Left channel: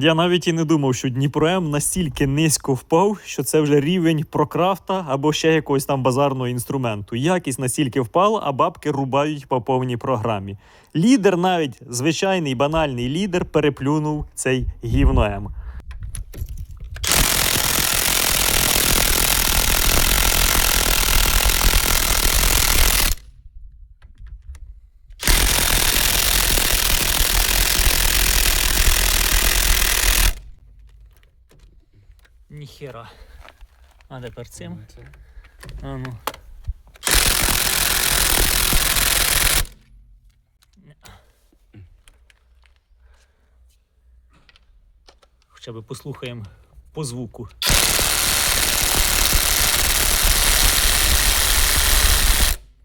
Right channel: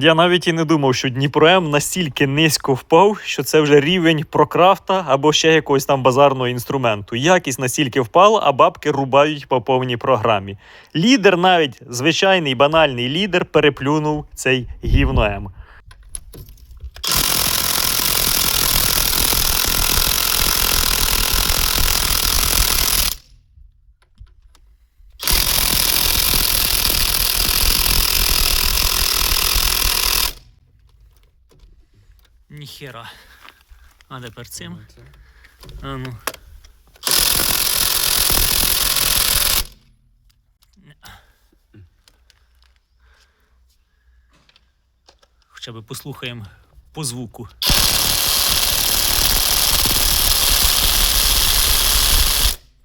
Я навіть і не думав, що Дніпром настільки низько впав, що це вже рівень прокрафта або ще якогось там базарного інструменту. Якість настільки впала, а бабки рубають по повній програмі. Лідер, навіть звичайний банальний лідер, переплюнув цей гівно Ніхера. А тепер цим. А ну. Хоча б послухаємо по звуку.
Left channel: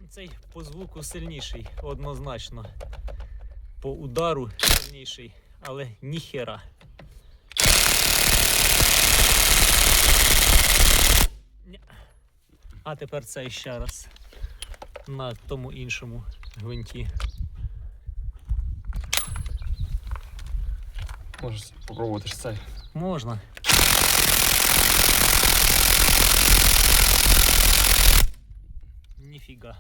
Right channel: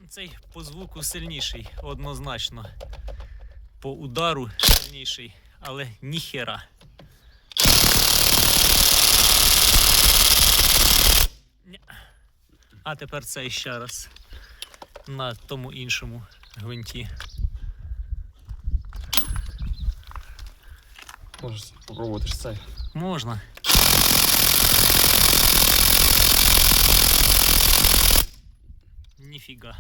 Цей по звуку сильніший, однозначно. По удару сильніший, але ніхера. А тепер цей ще раз. На тому іншому гвинті. Можеш спробувати ж цей. Можна. Ніфіга.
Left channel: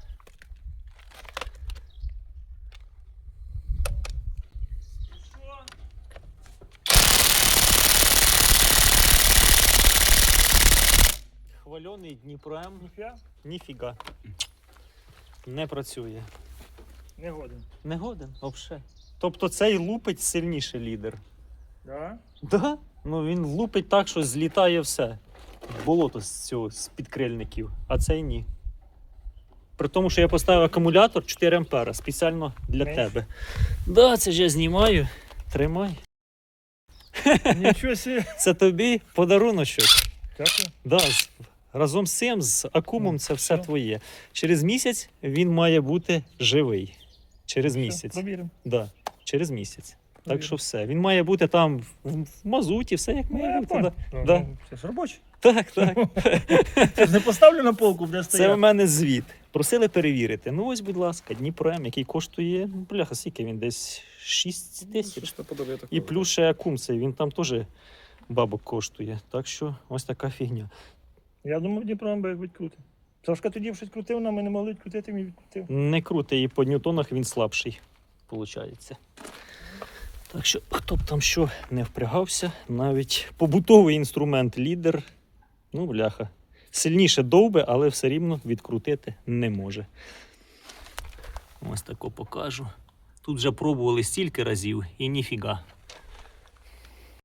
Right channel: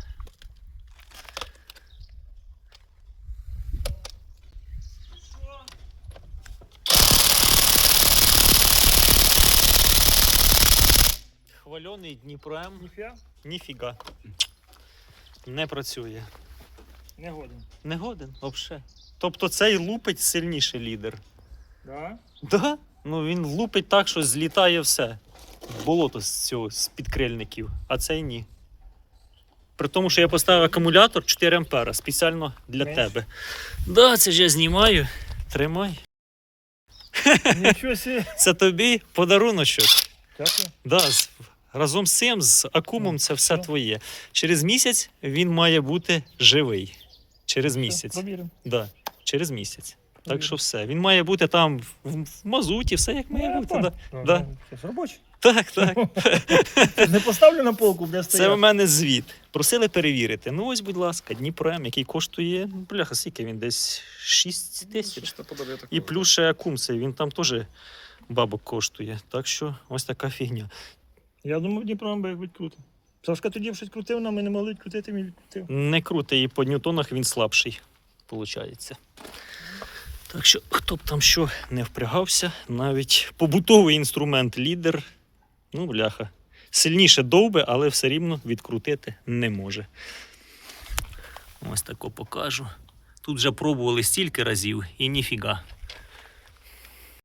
Хвальоний Дніпро М. Ніхуя? Ніфіга. Не працює. Не годен. Не годен, взагалі. Тобто цей лупить сильніше лідер. Да? Да? Ну він лупить так, що злітає все. Болото з цього, з підкрильників, а цей ні. При тому, що я поставив акумулятор 4 ампера спеціально для Менш? тебе. Да, це ж я знімаю. Тримай. Нічого собі. Це тобі подаруночок. Дякую. Да, разом з цим, з акумом, Ну, це все твоє. Через місяць він має бути живий. Через місяць. Провіримо. Да, через місяць. Так що все. Він має бути там в, в мазуті, все як Ну, має бути. Да. Ну, Да. Це ж робочий. Так, так. Не поставлю на полку, буде Це у стояти. мене звіт. Просили перевірити. Ну ось, будь ласка, Дніпро М, який коштує, ну, бляха, скільки він десь 6 тисяч. І плюс ще акум цей, він там теж бабок коштує. Так що ось така фігня. Я думав, Дніпро би як відкрутив. Сашка тоді щось крутив, нам ми не могли відкрутити, він відкрутив. Не крутий, і по ньютонах він слабший, виходить. Так що, хто б там що не впрягався, навіть побутовий інструмент лідер, ну, бляха, сильніше довбе, але все рівно відкрутити не може. Ось тако покажу. Тут вже пробували стільки разів і ніфіга.